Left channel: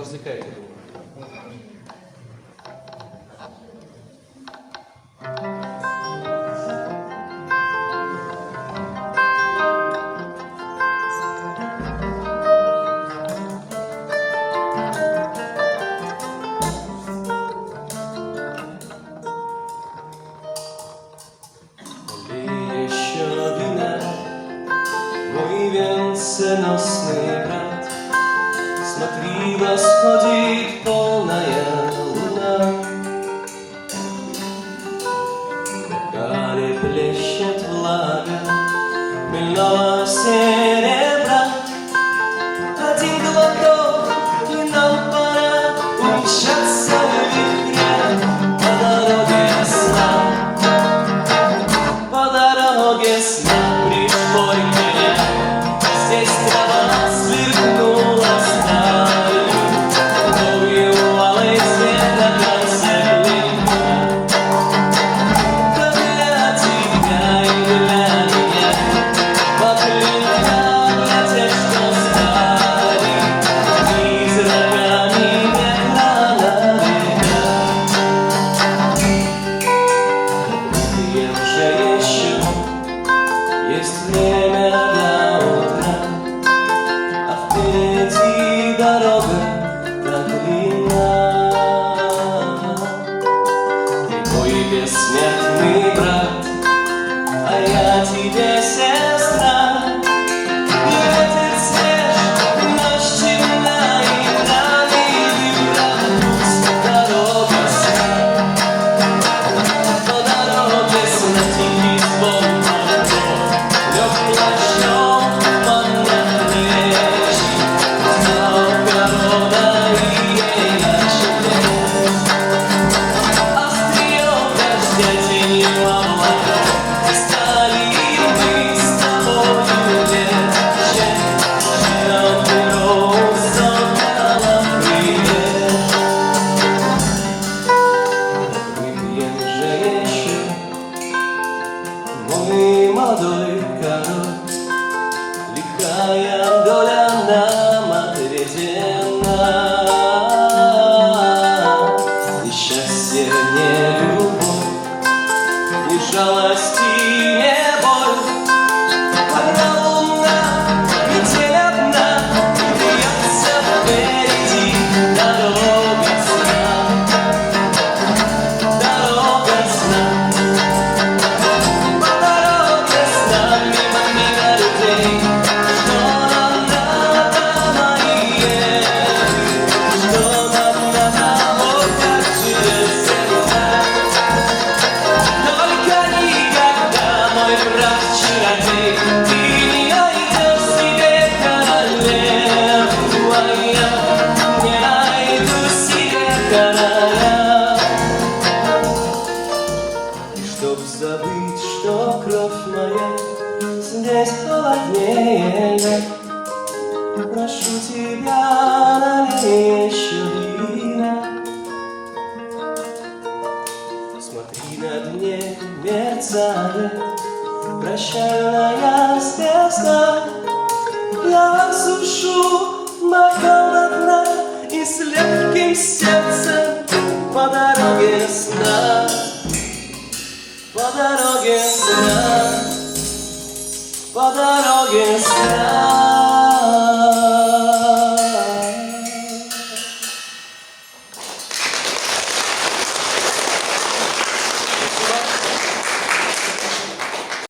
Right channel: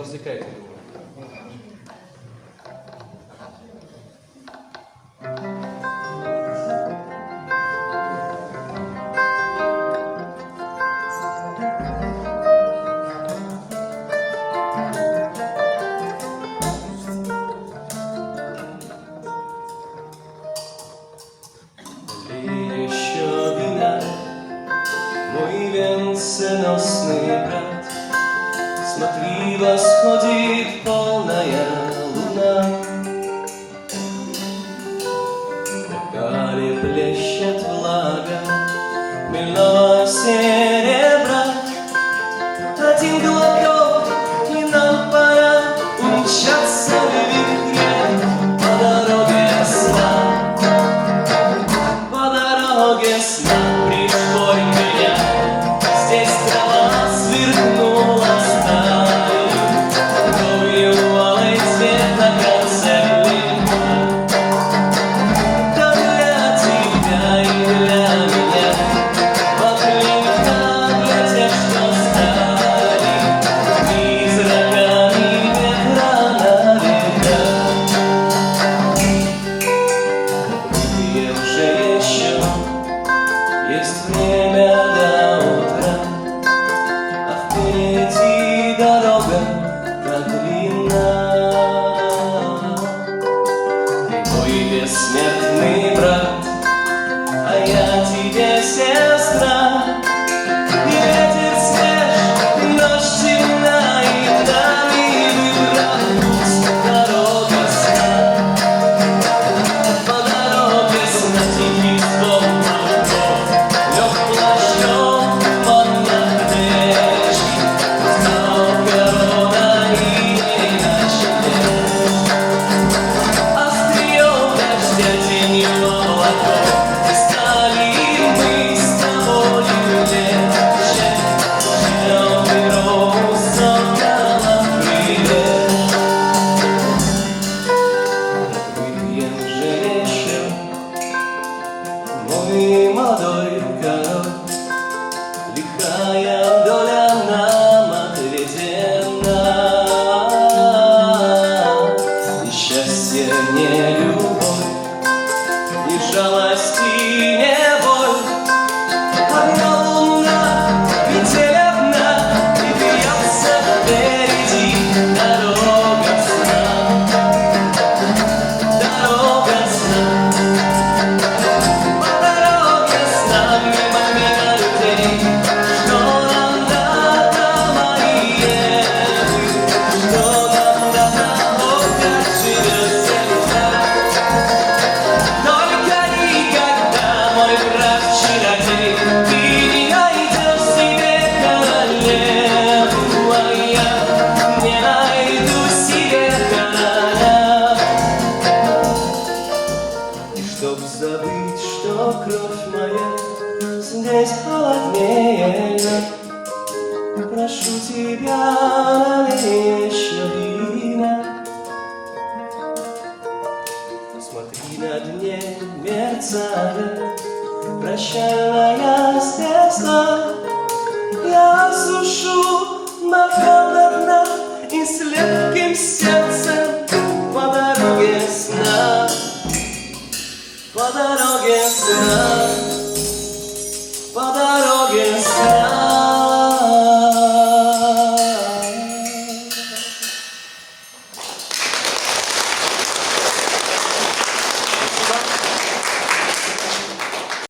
Развлекайте, думаю. Налей еще вина, мой венценосный брат. Смотри, восходит полная луна, в бокале плещет влага хмельного серебра. Один глоток, и нам пора умчаться в вихре по дороге сна. По дороге сна пришло меня, здесь трава сверкнула сталью, кровью алой цвета гацелина. Да для тебя и для меня, покрыта для тех, что стали призраками ветра на века. Выпьем же еще, есть время до утра, а впереди дорога так длинна. Ты мой бессмертный брат, а я тебе сестра. И ветер свеж, и ночь темна, и вдали видна дорога сна. По дороге сна тихий звон мотор, лег плащом он на плечи, знал корона и ей начали. Острие дождя тенью облаков, стали мы с тобою легче, чем перо сокола привет. Выпьем же еще, мой молодой король, лихая доля нам отведена. Ни счастье, ни любовь, ни жалость и ни боль. Одна луна, метель одна, и вьется впереди дорога сна. Дорога сна. По дороге сна, мимо людей. Что нам надо, мои евы? Что нам надо, вот как через земля? Только никогда, мой брат-чародей, ты не найдешь себе королеву, а я не найду себе короля. И чтоб забыть, что кровь моя здесь холоднее, прошу тебя, налей еще вина. Смотри, на дне мерцает прощальная звезда. Я сушу бокал до дна и с легким сердцем по дороге сна. По дороге сна, по дороге сна. Спасибо.